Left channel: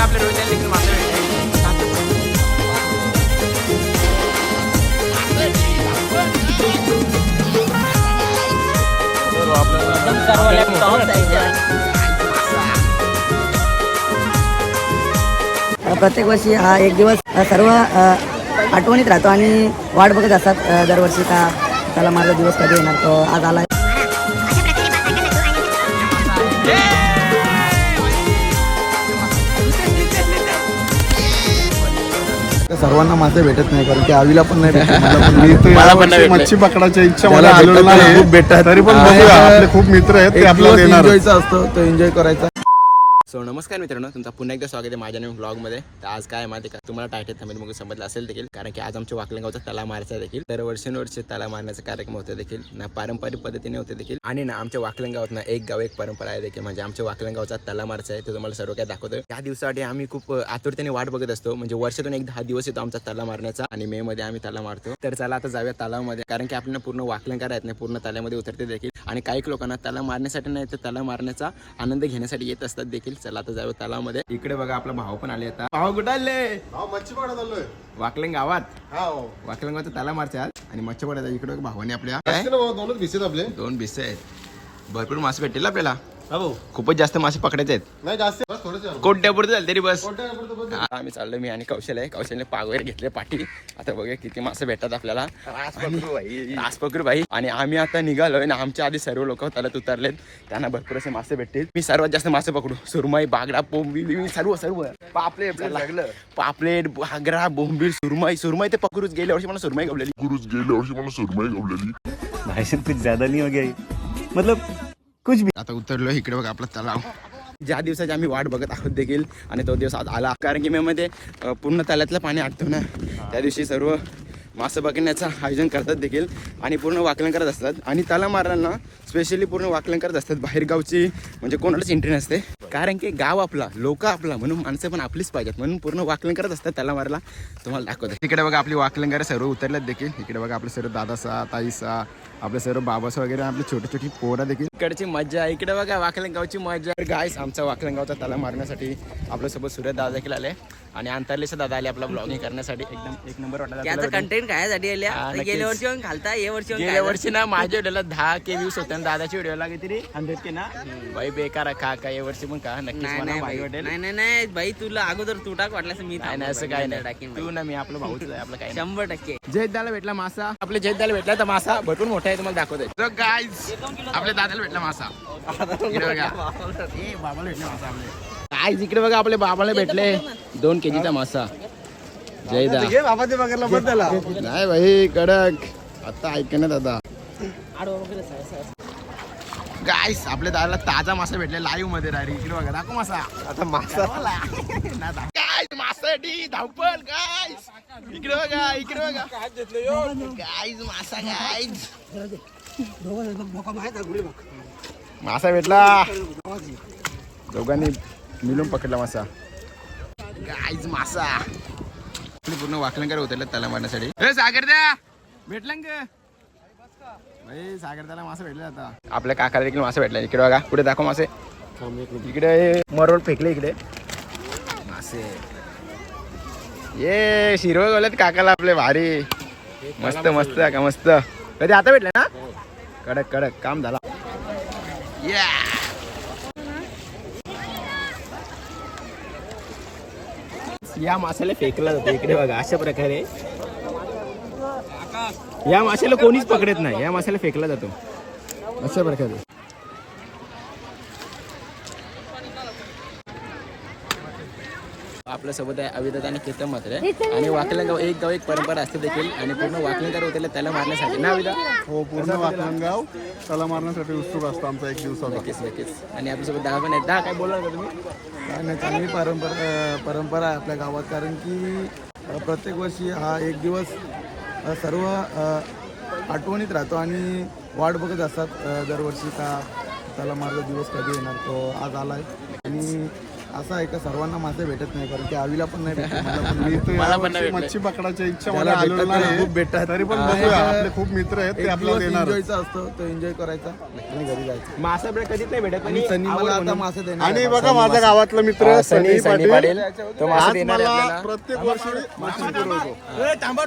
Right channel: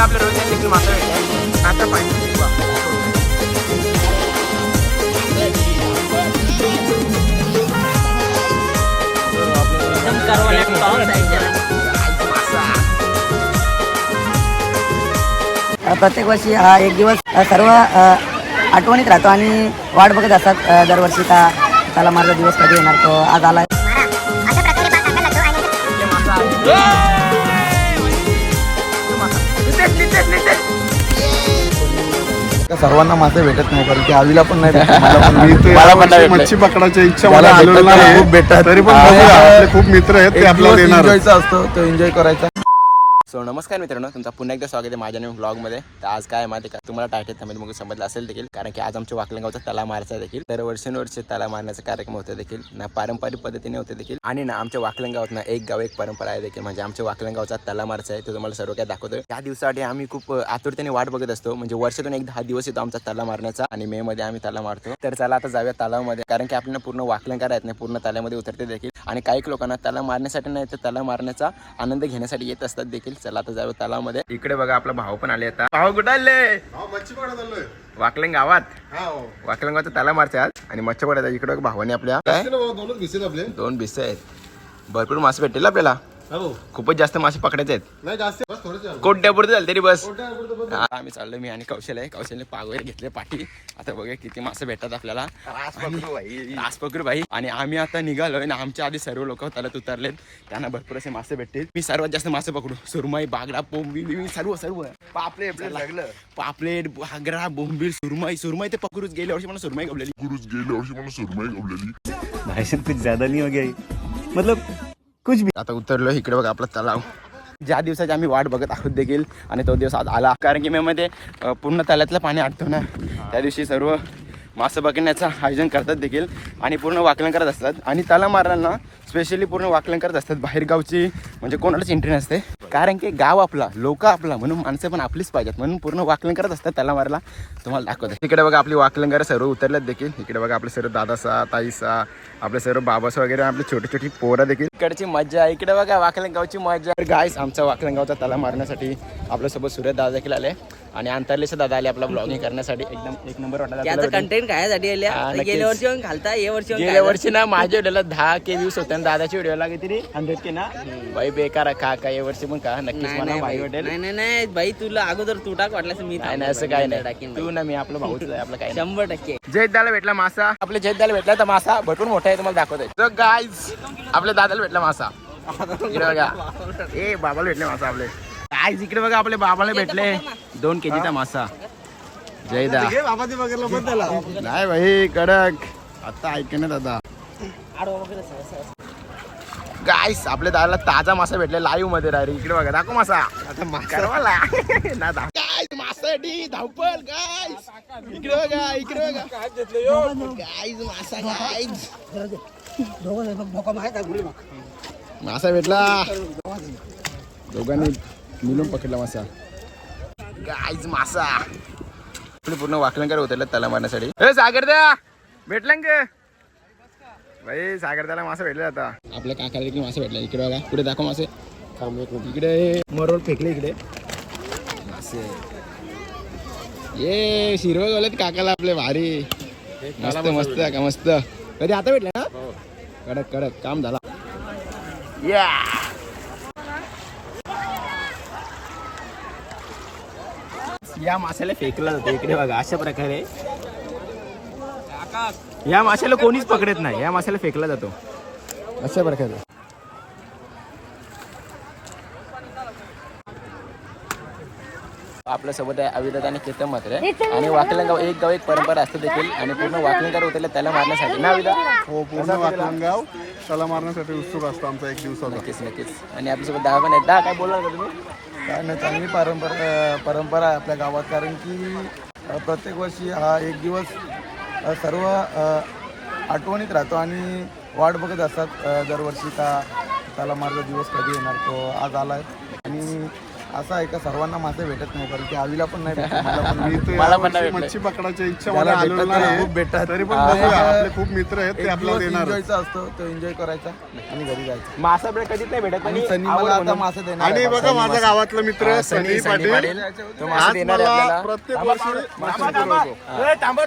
आपल्या रोजच्या देखील प्रत्येक वर्षी हा एक दिवस सर्व आठवणीत राहतो आणि वाट बघत असतात दरवर्षी. का त्याला माझा दिवस कधी येणार तो? आज आला सर्वांना मासे भेटत नाही कारण की आवीला पण नाही भेटत. मला पण मी तर मला पण नाही यावर्षी भेटले. मच्छी पकडायच्या इच्छा ज्याला मला आलेलो भेटत नाही, नाही. खूप भेटतात. तरी पण हा. बघूया. आपले खूप मित्र आहेत ते एक आपल्याला दिवस देणार एन्जॉयचा असतो तो एन्जॉय करायचा. सो नमस्कार मित्रांनो तुमचा पुन्हा एकदा स्वागत आहे माझ्या नवीन ब्लॉगमध्ये तर आज काय माहिती का? तुम्हाला टायटल थांबेल मग समजलं असेल देखील कारण की आज आमच्या वाकलंगावचा तला मारायचा देखील. तर वर्षानुवर्षे तला मारण्याचा कार्यक्रम होते देखील ना पारंपरिक पद्धतीने होते देखील आणि ना आमच्या वाकलंगावात ना एक गाव एक परंपरा आहे देखील. म्हणजे आमच्या वाकलंगावचा तला मारचा आहे तो तुम्हाला सर्व काय दाखवतो त्या दिवसासाठी आम्ही खूप आतुरतेने वाट बघत असतो. म्हणजे वर्षातून एक दहा दिवस येतो आमचा तला मारण्याचा आणि मे मध्ये आम्ही तला मारतो. तर चला आता जाऊया तलावामध्ये कारण की आपल्याला पूर्ण वाकलंकार आहेत नाही पूर्ण तल्यामध्ये उतरते देखील. आणि काही लोकांना तला मारण्यासाठी नाही तर तला मारण्याचा आनंद घेण्यासाठी येत असतात देखील. चला आता जाऊया तलावामध्ये. इकडे बघा आपला भाऊ पण आले आता. भाऊ कुठे आले? मच्छी पकडत आलोय. वाकलंग गावात? हा वाकलंगावचा तला आज. आणि मच्छर पडायचा इकडे भावाने आपल्या. दोनच आपले. दोन भिसे आहेत. भरपूर मासे भेटतील आपल्याला. भाऊ. खूपच जास्त मासे पकडायचे आहेत. नाही जास्त. बस थोडेसे कोट्यापुरते झाले तरी बस. कोणत्या हा, आम्ही चाललो मी आणि कौशल आहे. कौशलने पाग वगैरे घेतले पाठी. आता बघूया किती मासे भेटतात आपल्याला. रास पकडू भाई. आणि आम्ही आता निघालोय आणि आमच्या आधी सर्व लोक त्याला उतरलेत. त्यांना भरपूर असे मासे भेटतील. मी सर्वात जास्त मासे पकडू. सुरमई बागडा बोंबील बिंबील, सर्व सर्व. पापलेट लागलं. पापलेट बागडा बोंबील सुरमई. सुरमई ते पकडूच गेल्या वर्षी मला सुरमई गवलेली. गुरुज गेल्या वर्षी मला सुरमई गवलेली. भाई साहब कुछ ज्यादा नहीं हो गया. ये? मतलब कुछ भी। आता उतरलो इकडे बघा आपला तलाव. ज्या दिवसाची आम्ही वाट बघत आहोत देखील आणि तो दिवस आज आला. कारण की मे मध्ये पूर्ण तलातलं पाणी आटतो ना. त्या दिवशी सर्व मासे पकडण्याचं आयोजन करतात देखील आणि पूर्ण वाकलन करत असतात. आणि तला मारांना स्पेशली पूर्ण वाकलन करत असतात. बाहेरगावची म्हणजे कोणालाच एंट्री नसते. कारण की गाव आपला लोक आपला म्हणून माणसं पण आपलीच पाहिजेत. म्हणून पूर्ण वाकलन करत असतात. त्याला मारायला तुम्हाला दाखवतो. इकडे बघा आपली वाकलंगार सर्व उतरल्यात देखील. इकडे बघा आपले सर्व दादासा ताईसा आपले सर्व बाबासा वगैरे आपली छोटी छोटी पोरं देखील. इकडची मजा इकडे बघा वाकलंगावची मजा गायस आमचा वाकलंगावचा तला मारण्यासाठी आपल्यासोबत सूर्य दादा देखील आले. आणि अंतरलेचा दादा आले आपला ब्लॉगिंग करण्यासाठी. एकदम एक नंबर वाटला त्याचा कंटेंट खायसाठी हा, नक्कीच. गेल्या वर्षी पण घालता या वर्षी गेल्या. वर्षी ना माझ्या व्हिडिओला दहा के व्ह्यूज होते आणि दादाच्या व्हिडिओला किती हंड्रेड के ना? बाई बेकार का का या वर्षी पण का नक्कीच नाही नाही भाई भाई वाटेल. नाही नाही नाही. भाई तुला अगोदर तू टाक वाटल्यास मी नाही असं काय नाही. तू ना मी आपलं भाऊच आहे आपलं काय. शंभर टक्के. जयदाला भेटला मासा. आपल्या जयदाला भेटला तर मासा. भरपूर मोठा आहे तुम्हाला दाखवतोय. गाईज आपल्या दादाला भेटला मासा ए बाबाला भेटले मासा आपले. गाईज इकडे बघा आपले बाबाला भेटले. दोन केजीचा मासा. जयदा नाही भाई कडक. आता ऐक ना दादा. गाईस आपल्या दादाला ताजा मासा भेटले लाईव्हमध्ये राहिली इकडे बघा दाखव मासा. आता मासा. मासाठी धावपल गाईस इकडे बघा इकडे बघा. गाईज मासा गाईज मासा भेटला. दोघांनी मिळून पकडला मासा. गाईज मासा. आपले पूर्ण वाकलंकर उतरलं त्याला मारण्यासाठी. ए सागर द्या भेटला ग? भाई सागर त्याला मासा भेटले आता. आपल्या काकाला देखील मासा भेटला. इकडे बघा. पुढे दाखव मासे? इकडे. मरोड फेकले इकडे. मासे. ये शिरवळ बोलत काकाला आपले भारी. मस्त मस्त का मस्त. कधी आता भेटले ना? कडक कडक. काम झाला. या या माशाला फेकला जातो इकडे बघा अशा प्रकारे. या माशाला कोणीच पकडत नाही या माशाला फेकला जातो. अशा प्रकारे. आपल्यासोबत आहे अविदत आणि केतन मात्र. आणि वाकलंगाव एक गाव एक परंपरा असते देखील. आणि पूर्ण वाकलंगावर उतरले त्याला मारण्यासाठी. ना अविदा हो पूर्ण वाकलंगाव त्याला मारण्यासाठी उत्सुक असतो आमचा एक दिवसाचा. नक्कीच नक्कीच. आणि आपल्यासोबत दहा पण आहेत. दहा काय बोलणार का तुम्ही? काय नाही चांगली परंपरा परंपरा आहे आपल्या गावात. कारण की प्रत्येक वर्षी हा एक दिवस सर्व आठवणीत राहतो आणि वाट बघत असतात दरवर्षी का त्याला माझा दिवस कधी येणार तो आज आला आहे आणि असं आहे का? सर्वांना मासे भेटत नाही कारण की आवीला पण नाही भेटत मला पण मी तर मला पण नाही यावर्षी भेटले. मच्छी पकडायच्या इच्छा ज्याला मला आलेलं भेटतात त्याला नाही खूप भेटतात. तरी पण. बघूया आपले खूप मित्र आहेत ते एक आपल्याला दिवस देणार. एन्जॉयचा असतो तो एन्जॉय करायचा आणि घरी जायचं. मासा आपल्याला कधीच नाही भेटत आणि आणि सनी आवड मला आता म्हणून. मासे देणार आणि आहे. बघा माझा गावातला मित्र सनी सनी सनी पाटील पाटील. तो मासा आज देणार आहे मला आपल्याला. प्रत्येक वर्षी मासे पुरवतो थांबा.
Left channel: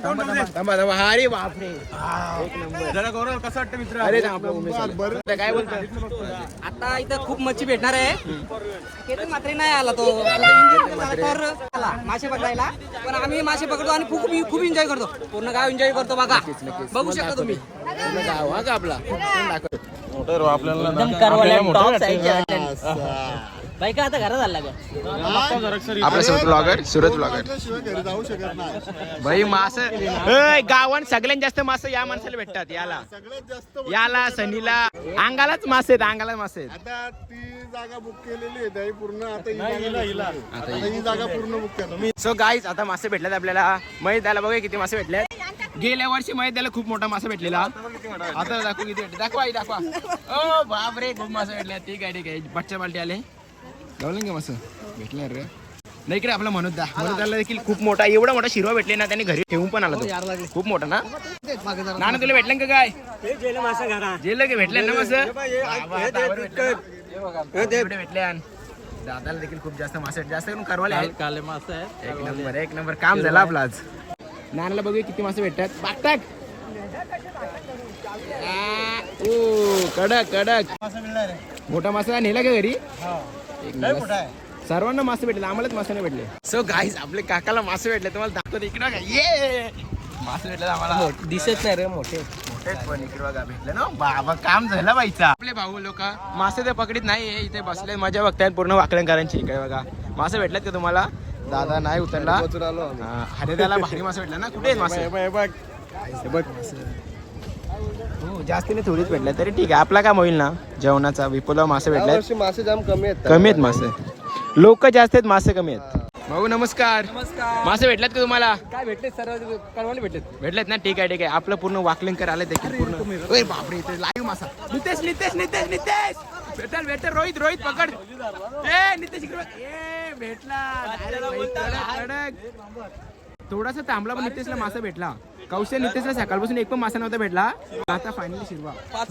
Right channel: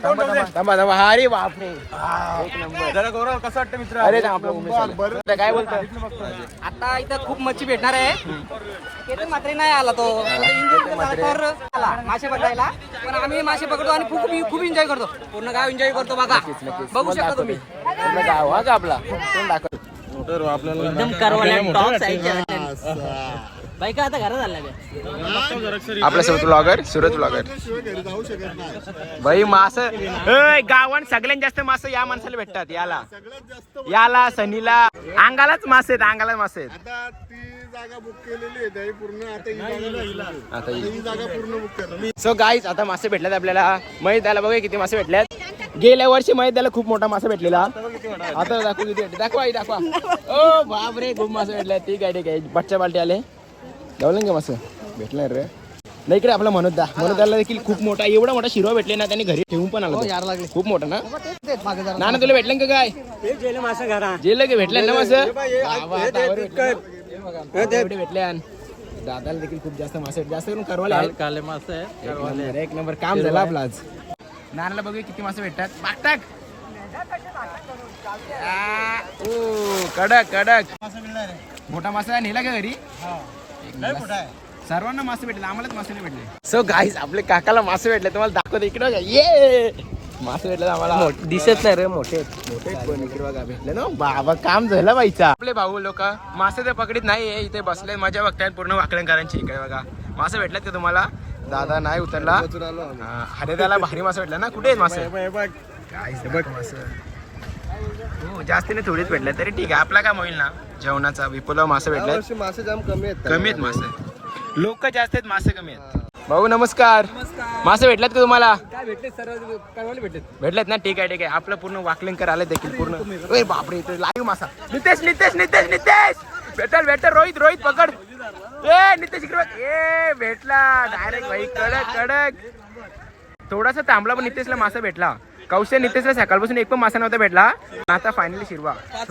थांबा हा अरे बापरे. एक नंबर जरा गौरव कसं वाटतं मित्र? अरे थांब, आपलं उमेश आला. बरं. आता काय बोलतो आता इथं खूप मच्छी भेटणार आहे. केतन मात्र नाही आला तो. तर आला मासे पकडायला. पण आम्ही मासे पकडतो आणि खूप खूप एन्जॉय करतो. पूर्ण गाव एन्जॉय करतो बघा. बघू शकता तुम्ही. पूर्ण गाव हा आपला आपल्याला वाटतं. बाईका आता घरात आला आपल्यासोबत ब्लॉगर सुरत ब्लॉगर शिवाय घरी जाऊ शकत नाही भाई मास गावात सगळ्यात जास्त मास या माणसाला भेटतात याला. सगळ्यात जास्त याला सनीला. अंगालाच मासे आहेत अंगाला मासे आहेत. आता ती जागा बुक केलेली आहे त्याही पूर्ण. आता ही जागा भेटली. आता आता ही जागा पूर्ण बुक करतो सो गाईज आता मासे भेटल्यात आपल्याला. महेश त्याला बघा किती मासे भेटल्यात गेल्या वर्षी महेश त्याला खूप मोठा मासा भेटलेला. आता दाखव किती भेटले. दाखवा आई दाखवा. ओ बापरे खूप मासे भेटले ठीक आहे ठीक आहे. बच्चा बालटी आले. लावलं का मासं भेटलं रे. नाही इकडे आपला मनोज दा मनोज दाला देखील खूप मोठा एवढा मोठा शिरवा भेटले ना त्यांनी घरी ठेवून पण आला तो. खूप मोठा ना? नाना तुला भेटलं का काय? जेल की भेटले ना मासं बाबा, दावर भेटले ना. दादाला देखील खूप जास्त मासे. जास्त करून करवाले. काले मासे एक नंबर एक नंबर. काम झालं आपलं आज. नानाला बघूया किती मासे भेटतात. बागतात ओ कडक कडक. मोठा मासा नेला का घरी. सर्वांना मासे भेटले आम्हालाच मासे नाही भेटले. सो गाईज आपले काकाला मासे भेटले तुम्हाला दाखवतो इकडे बघा. ये मासे भेटले आम्हाला. दिसत नाही रे मोठे मोठे पण इकडे बघा भेटले ना. बाबा काम झालं बाईचा. आपले भाऊ लोक मासे ते पकडीत नाही इथे बसले मजा बघतायत पूर्ण वाकड्यांकरांची इकडे बघा. मासे भेटलेत का तुम्हाला? दादा नाही उतरला. हा, हरिदाला भारी मासे भेटला ना. कुठे मासे? काय बघ हो जास्त नाही थोडीच भेटले तरी ठीक आहे. आपला काम होईल ना? जेवणाचा. विपुला मासे भेटले मासे जाम कमी आहेत. कमी आहेत मासे. लोक जास्त आहेत मासे कमी आहेत. भाऊ नमस्कार. मासे भेटल्यात का तुम्हाला? काय भेटले सर्व करवाले भेटले भेटलेत ना? ठीक आहे ठीक आहे. आपलं पूर्ण वाकलिंकर आलं देखील पूर्ण. ओय बापरे इथे लाईव्ह मासा. नितेश नितेश नितेश नितेश! भेटल भेटल. रोहित रोहित पकड. ए नितेश इकडे. ए भेटला. डायरेक्ट भाई कडक कडक. थोडासा थांबला पण नितेशला मासा भेटला. कौशल नितेशला सकाळपासून एक पण मासा नव्हता भेटला. आता फायनली शिरवा. पाच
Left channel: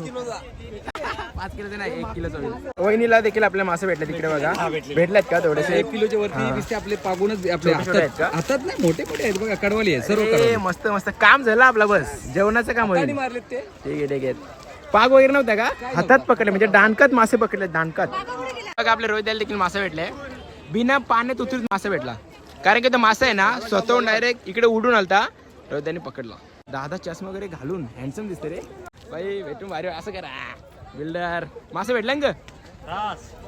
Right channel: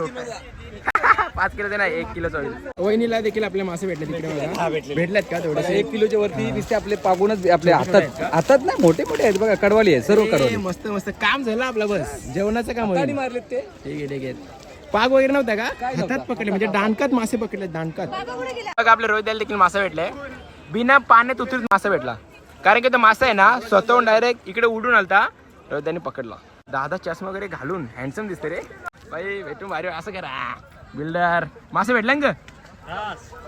किलोचा. नाही एक किलोचा वहिनीला देखील आपल्या मासे भेटले तिकडे बघा. भेटल्यात का थोडेसे? एक किलोच्या वरती दिसते आपले पागूनच आपले हातात हातात नाही मोठे मोठे आहेत बघा कडवाली आहे सर्व कडवाली. मस्त मस्त. काम झालं आपलं बस. जेवणाचं काम होईल. मारलेत ते. ठीक आहे ठीक आहे. पाग वगैरे नव्हता का? हातात पकडले म्हणजे दांडकात मासे पकडले दांडकात बघा आपल्या रोहित देखील मासा भेटलाय बिना पाण्यात उतरून मासा भेटला. कारण की तो मासा आहे ना स्वतःहून डायरेक्ट इकडे उडून आलता रोहित त्यांनी पकडला. दादा चष्मा वगैरे घालून हँडसम दिसते रे. बाई भेटून भारी असं करा. बिल्डर मासे भेटला ना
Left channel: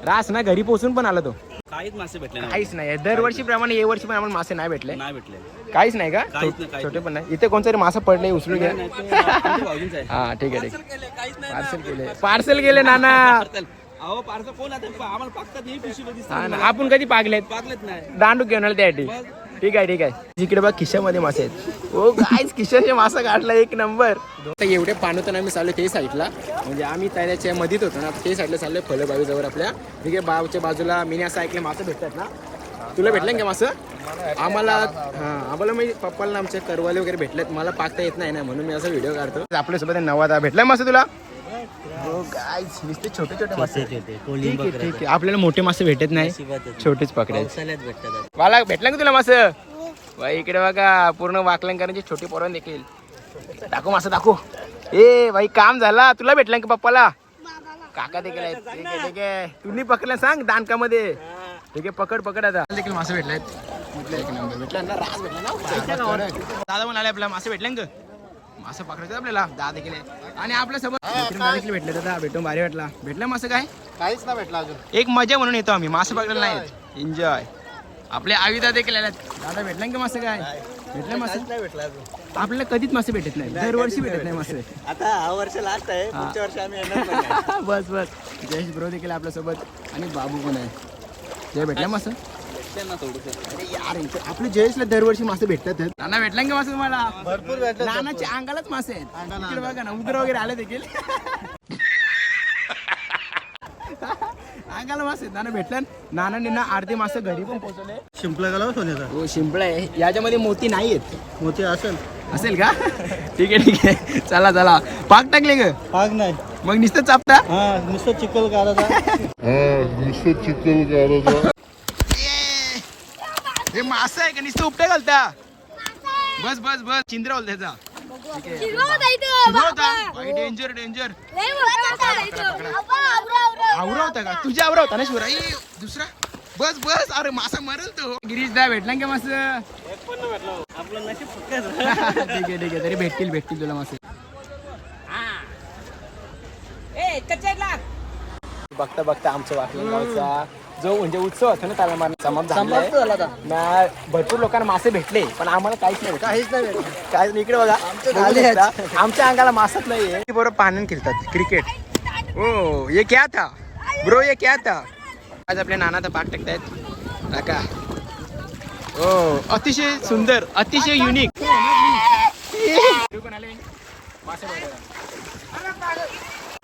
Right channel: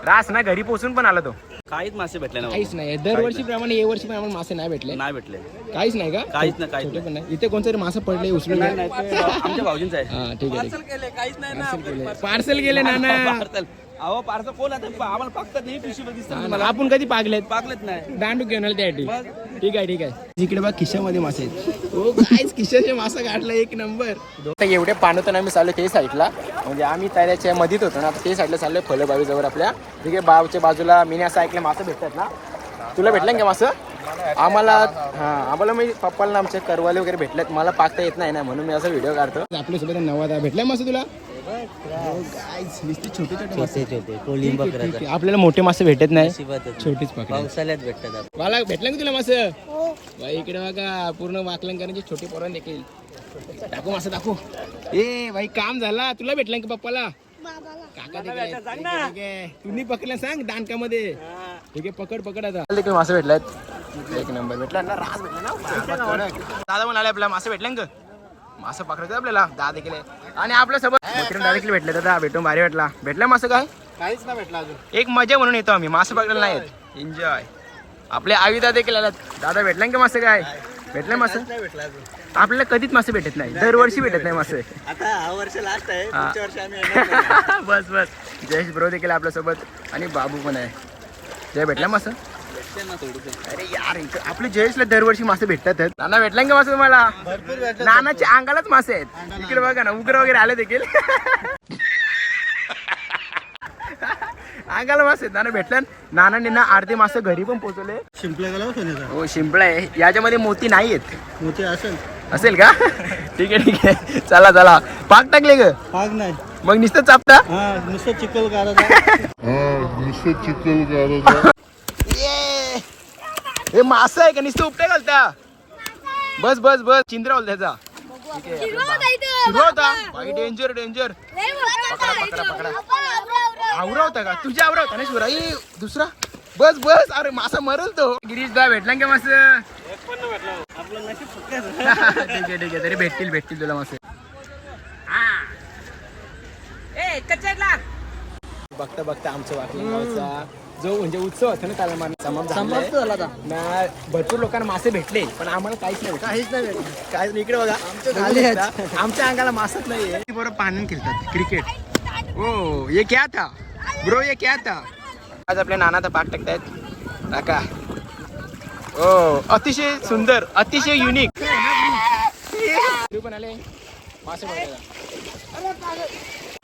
रास. ना घरी पोहोचून पण आला तो. काहीच मासे भेटले काहीच नाही. दरवर्षी प्रमाणे या वर्षी पण आम्हाला मासे नाही भेटले. नाही भेटले. काहीच नाही का? काहीच नाही, छोटे पण नाही. इथे कोणतरी मासा पडले उचलून घ्या हा ठीक आहे पार्सल केले पार्सल केले. अहो पार्सल कोण आता. आम्हाला पाकतात ही पिशवी आपण कधी पागलेत? पाकलेत नाही. दांडू घेऊन आले त्यासाठी. ठीक आहे ठीक आहे. इकडे बघ खिशामध्ये मासे आहेत. ओ काहीच खिशाचे मासा काढला एक नंबर एवढे पाणवतं आम्ही चाललो ते साईडला. म्हणजे आम्ही त्याच्या मधीत होतो ना आता ते साईडला चाललोय फळबावी जवळ आपल्या तिकडे बावच्या बाजूला मी असं ऐकलं मासे भेटतात ना. तुला भेटलं का मासं? आम्हाला हा आम्हाला म्हणजे पप्पाला आमचे करवाले वगैरे भेटलेत. मला पाकता येत नाही ना म्हणून मी असा व्हिडिओ काढतो. आपल्यासोबत नवादा भेटलाय मासे तुला. छोटे छोटे छोटे. आपल्याला मोठे मासे भेटत नाही छोटेच पकडे पावसाळ्यात भेटतात मला भेटलं का तुला मास? बाई इकडे बघा पूर्ण वाकलंकरांची छोटी पोरण देखील. दाखव मासा दाखव. ए भाई काम झाला. तुला भेटलं का पप्पाला? काका देखील. तुम्ही पकडलं सांग दानकामध्ये. ठीक आहे पकड पकड आता. देखील मासे भेटलायत एक नंबर. भेटला ना रास भेटला ना. दादा म्हणाले आपल्याला मासे भेटले का? मासे पकडायचं आपल्याला. दादा देखील. आणि आपल्यासोबत मित्रांना देखील भेटले दादा भेटून भारी भेटला भेटला मासं काय? काहीच नाही भेटला अजून. एक मजा म्हणून येतो आम्ही. मासे पकडायला नाहीत एन्जॉय आपले आविदा देखील आल्यात. दादा भेटला का मासे काय? भेटले मासे? नाही भेटला आपल्याला कधीच मासे भेटत नाही. दरवर्षी भेटत नाही मासे. आता हा वर्ष लास्ट आहे. बस बस. जयेश ब्रो देखील आपल्यासोबत आणि बाबू पण आहे. जय भेटला मासं? अरे यार इथं आपले जयेशला दरवर्षी मासे भेटतात. नाना भेटला का मासे तुम्हाला? भरपूर भेटले. नानाच्या अंगालाच मासे आहेत. इकडे बघा ना उग्र वगैरे आले देखील. अंगाला मासे आहेत. नाना भेटल्या नानांनी ना अर्धे मासे घरी पण पोहोचवले शिंपला गेला सोन्याचा. हो शिंपला आहे. याच्यामध्ये मोती नाही आहेत मोती असेल. असेल का? ठीक आहे ठीक आहे. चला चला. पाक टाकले ग. पाग नाही. मग नुसतं चापता? हा नुसतं चिखल करायचा नुसतं चिखल गाराचा! हे मासा आहे का? नुसतं उपट्या घालता? बस बस बस. चिंद्रा होल त्याचा डेंजर डेंजर आवरा होता का? तुझ्या आवरा होता ना शिवरा ए, दुसरा? बस बस. अरे मासा मरल तो. गिरीश दा भेटला का मास? ठीक आहे ठीक आहे. तरी भेटतील भेटतील तुला मासे. बघता बघता आमच्या वाकलं गावचा. जो म्हणजे उत्सव होता ना त्याला मान समाप्त झाला ना भरपूर लोकांना मासे भेटले पण आम्हाला काहीच नाही भेटलं. काहीच नाही भेटलं. काय इकडे बघा. आमच्या आमच्या अंगाला मासच नाहीये. बरोबर पाण्यात खेळतात क्रिकेट. ओ ये क्या था? ब्रो ये क्या था? आज आपल्या नानाचा पाक टाकतायत. काका. ओ अतिशय सुंदर अतिशय युनिक पण आले. मासे.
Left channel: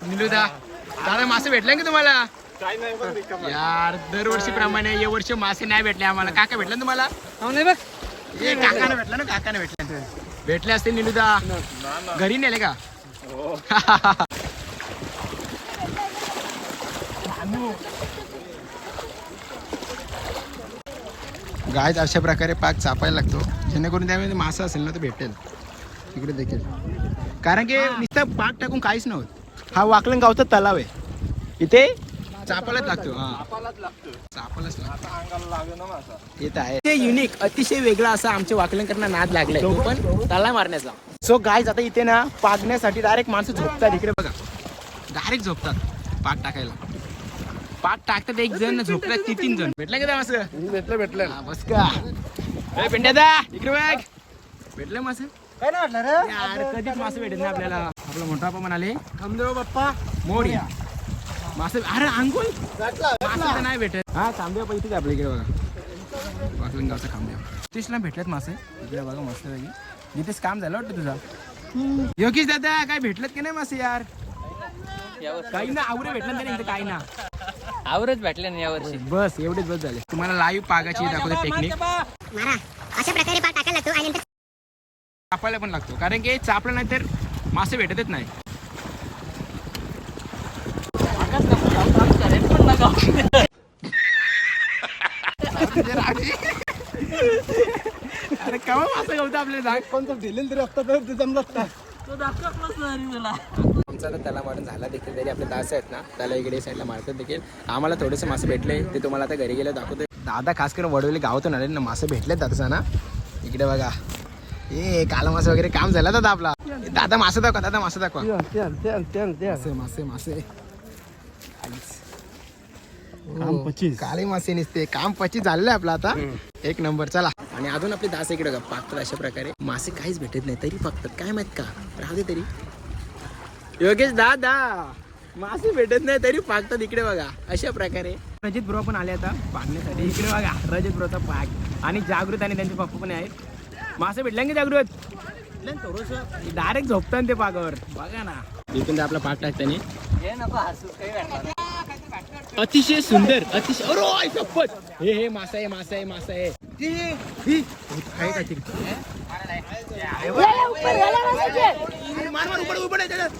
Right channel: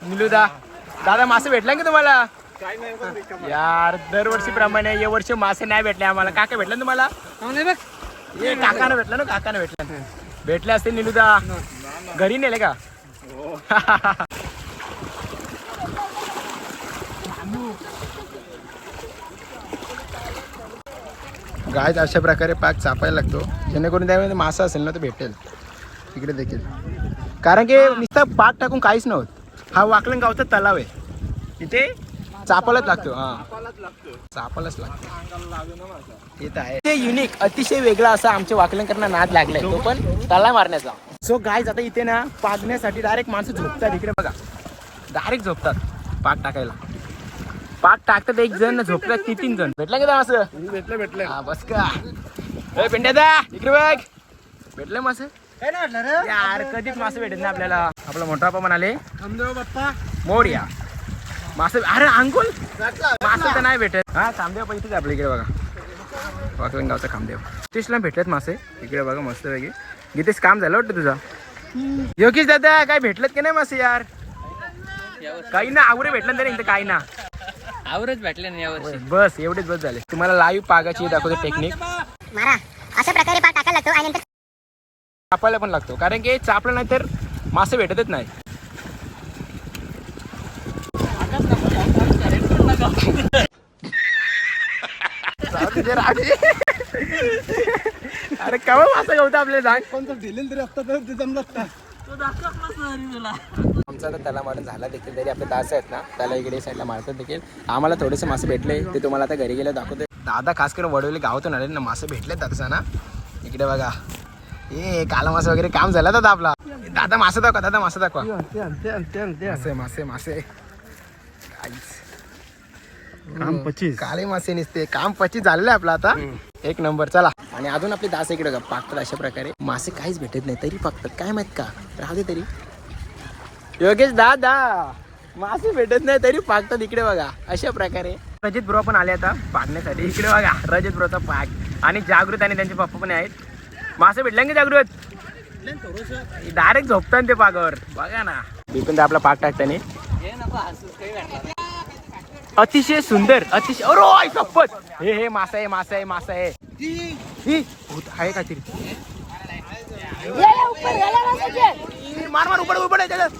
निलुदा दादा मासे भेटले का तुम्हाला? यार दरवर्षी प्रमाणे या वर्षी मासे नाही भेटले आम्हाला. काका भेटले ना तुम्हाला? ये काकाने भेटलं ना? काकाने भेटलं. भेटले असते निलुदा. घरी नेले का? गाय अशा प्रकारे पाक चापायला लागतो. जेणेकरून त्यामध्ये मासा असेल ना तर भेटेल. इकडे देखील. कारण की नुसतं पाक टाकून काहीच नव्हतं. हा वाकलन गावचा तलाव आहे. इथे चापायलाच लागतो हा. चापायलाच लागतो ते तर आहे. ते युनिक अतिशय वेगळा असा आमच्या वाकलंकरांना नाद लागलाय. तो पण तला मारण्याचा. सो गाय आता इथे ना पागण्यासाठी डायरेक्ट माणसं झोपतात. इकडे बघा. डायरेक्ट झोपतात. पाक टाकायला. पाक टाकतात एक जण झोपतात ती तीन जण. भेटला का असं? भेटलं भेटलं हा बस का? ए पेंड्यादा इकडे बघ. भेटलं मास काय नाही भेटलं रे? यार कधीच मासे भेटत ना आपल्याला. आपला मोठा बाप्पा म्हणाले हमदेव बाप्पा. मोर्या. मासे अरे अंकुल मासे तर नाही भेटत. हा खांबदेव पण इथेच आपल्या इकडे बघा. वाकलन गावचा खांबदेव नितीशला भेटत मासे. इकडे बघा मस्त वेगळे गीतेश काम झालं वाटतं तुझं? योगेश दादा काय भेटलं की नाही मासे यार? काही ना आवरे भेटलं तरी इथं काही ना. आवरच भेटले ना यावर्षी बस एवढेच बस झाले. तुम्हाला लाईव्ह पागाची दाखवते टेक्निक मारा. अशा प्रकारे पाक टाकायला लागतो आणि चापायला पण लागतो. कारण की चापलं नाही तर मासे भेटतच नाही राहू दे, राहू दे. अरे कवा मासा गवता आपल्याला सांग कोणतं दिलेलं तरी असतं तर ते जमलंच काय आमचा तर त्याला मारून झाला देखील तरी आपले दास आहेत ना त्याला इकडे साईडला मारतात देखील. आम्हाला थोडेसे मासे भेटले ते तुम्हाला आता घरी गेलं दाखवतो. दादा खास करून वडवले गावातून आले ना मासे भेटले दादाचा ना इकडे बघा. ए काला मासा वगैरे काम झाला दादा आपला. दादा मासे दाखवा दादा मासे दाखवा. मासे मासे मासे. काम पच्चीस काळे मासे निसते. काम पच्चीस झालेलं आपलं आता. एक नंबर चला. आणि अजून आपले दास इकडे बघा, पाकतात अशा प्रकारे. मासे काहीच भेटत नाही तरी पाकतात. काय माहीत का? राहू दे तरी. योगेश दादा मासे भेटत नाही तरी पाकतात इकडे बघा. अशा प्रकारे. रजत ब्रो पण आले आता पाडण्यासाठी. इकडे बघा रजत ब्रोचा पाक. आणि जागृत आणि त्यांचे पप्पा पण आहेत. मासे भेटले का जागृत? डायरेक्ट झोपतात ते पाकावर. बघा ना. इकडून आपला पाक टाकताना. अतिशय सुंदर अतिशय अरे आई शपथ! हे हे मासा आहे मासा आहे मासा आहे. भूत आहे काहीतरी. मार मार उबड उबड आहे त्याच्यात.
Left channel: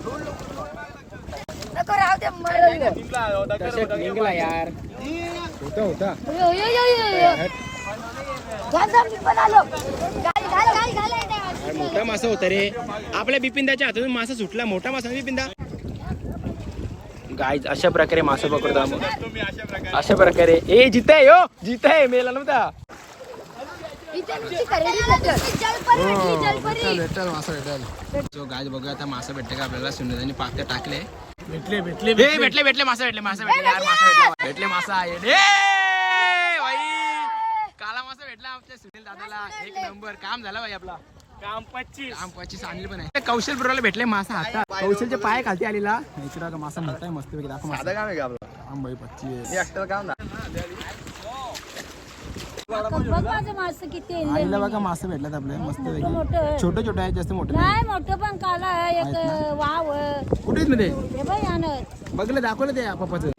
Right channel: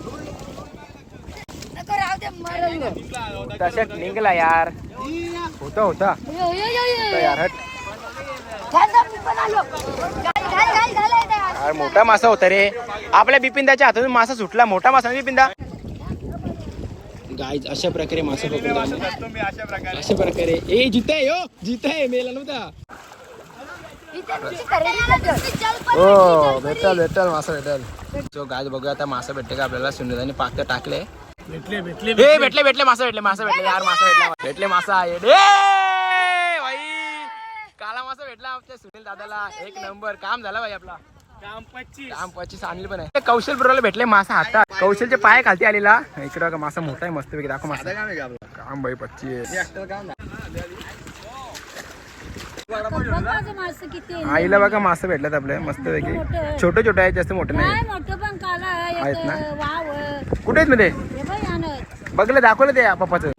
तसंच निघला यार. होता होता. यार, मोठा मासा होता रे. आपल्या बिपिंदाच्या हातातून मासा सुटला. मोठा मासा नाही बिपिंदा गाय अशा प्रकारे मासे पकडतो आम्ही. अशा प्रकारे. ए जित आहे यो जित आहे मेला नव्हता. हो भेटल भेटल मासा भेटल. सो गाय बघूया आता मासा भेटते का आपल्याला. सुंदराने पाक टाकले. भेटले भेटले हे भेटले. भेटले मासा भेटले मासा भेटले यार मासा भेटला भेटले मासा आहे काला मासा भेटला आमच्या सुनील दादाला. एक नंबर. काम झाला भाई आपला. काम पच्चीस काम पच्चीस आणली पण आहे. कौशल बरोबर भेटले मासा हातात कौशलचे पाय खालती आलेला. इकडे बघा मासा मोठा आहे मस्त पैकी दाखव मासा. काम आहे आपलं? काम भाई पच्चीस. काम आईला बघा मासे भेटल्यात आपल्या मस्त पैकी. छोटे छोटे आहेत जास्त मोठे नाही. मोठं पण कुठे आहेत मध्ये? हे बघलं दाखवलं ते पप्पाचं.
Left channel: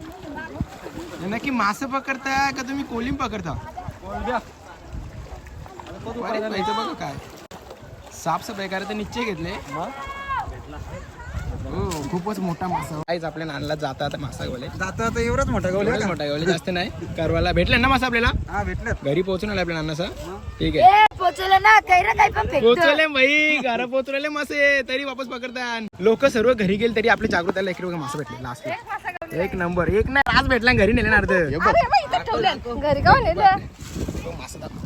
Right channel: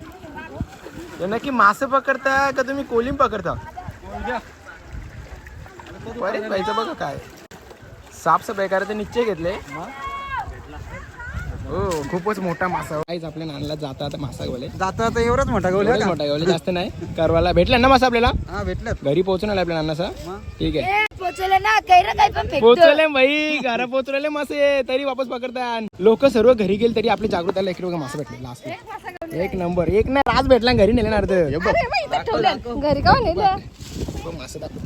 हे नक्की मासे पकडता का तुम्ही कोलिम पकडता? बघा काय. साफसफाई करायचे निश्चय घेतले. हो खूपच मोठा मासा. काहीच आपल्या नानला जातात मासा गोले. जातो आता एवढंच मोठा गवली एवढाच मोठा गवले जास्त नाही. करवाला भेटला ना मासा आपल्याला? हा भेटलं घरी पोहोचून आला आपल्या नानासा ठीक आहे. पोचवलं ना काही ना काही पण फेकतो. पोहोचले भाई घरा पोहोचले मासे तरी वापस पकडतात. लोक सर्व घरी गेले तरी आपली जागृताला इकडे बघा मासे भेटले लास्ट एक नंबर एक ना आज भेटला घरी नेले ना अर्ध. हे बघ. घरी का मासे दाखव.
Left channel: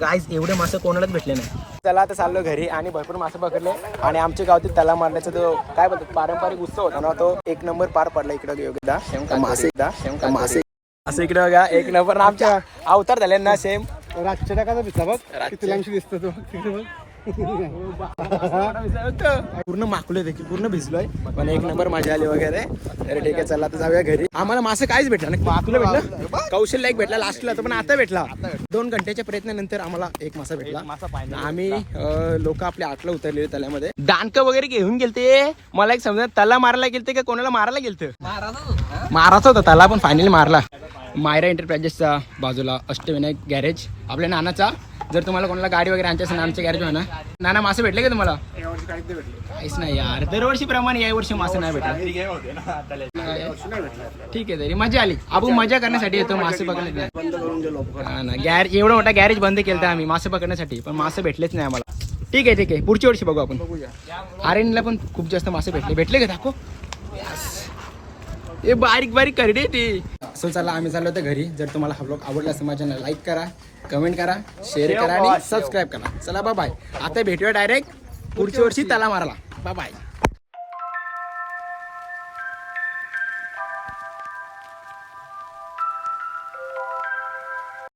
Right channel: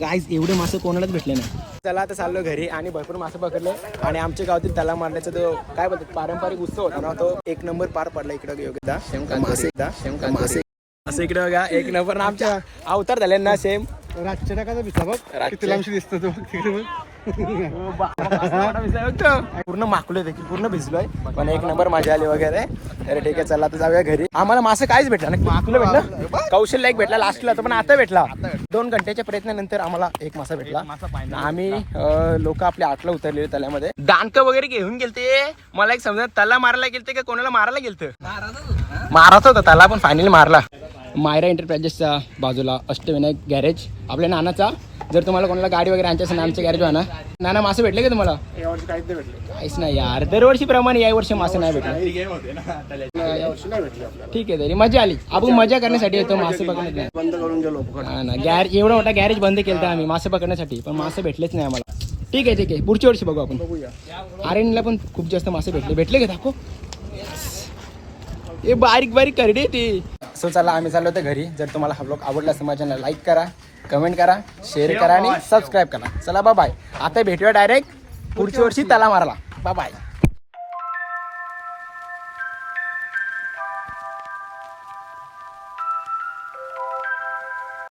गाईज एवढे मासे कोणालाच भेटले नाही. चला आता चाललो घरी आणि भरपूर मासे पकडले. आणि आमच्या गावातील तलाव मारण्याचा जो काय बोलतात पारंपरिक उत्सव होता ना तो एक नंबर पार पडला इकडे एकदा. मासे एकदा. मासे असं इकडे बघा एक नंबर ना आमच्या अवतार झाले ना सेम रातच्या टाकाचा भिसला बघ किती लांबशी दिसतो तो तिकडे बघ. पूर्ण माकलोय देखील पूर्ण भिजलोय. पण एक नंबर मजा आली वगैरे. तर ठीक आहे चला आता जाऊया घरी. आम्हाला मासे काहीच भेटला नाही. माकलो भेटला? कौशल्य एक भेटला लास्टला पण आता भेटला. दोन घंट्याच्या प्रयत्नानंतर आम्हाला एक मासा भेटला. आम्ही लोक आपल्या आटला उतरलेले तल्यामध्ये दांडक वगैरे घेऊन गेलते. मला एक समजा तला मारायला गेलते का कोणाला मारायला गेलते? मारायचा होता त्याला पण फायनली मारला. मायरा एंटरप्राइजेसच्या बाजूला अष्टविनायक गॅरेज. आपल्या नानाचा. जर तुम्हाला कोणाला गाडी वगैरे आणची असेल आमचे गॅरेज आहे ना नाना मासे भेटले का तुम्हाला? काहीच नाही यार. दरवर्षीप्रमाणे या वर्षी मासे नाही भेटले. ठीक आहे तरी. मजा आली. आपण मजा करण्यासाठी येतो मासे पकडण्यात हा ना. गॅरेज एवढा मोठा गॅरेज बंद केलं आम्ही मासे पकडण्यासाठी. पण मासे भेटलेच नाही आम्हाला. ठीक आहे ठीक आहे. पुढच्या वर्षी बघू आपण. आर्यनला पण खूप जास्त मासे भेटले. भेटले का दाखव? हे बारीक बारीक करडे ते. सो चला आम्ही चाललो होतो घरी. जर तुम्हाला हा ब्लॉग आवडला असेल लाईक करा कमेंट करा शेअर करा आणि सबस्क्राईब करा. चला बाय आता भेटूया डायरेक्ट पुढच्या वर्षी तला मारला बाय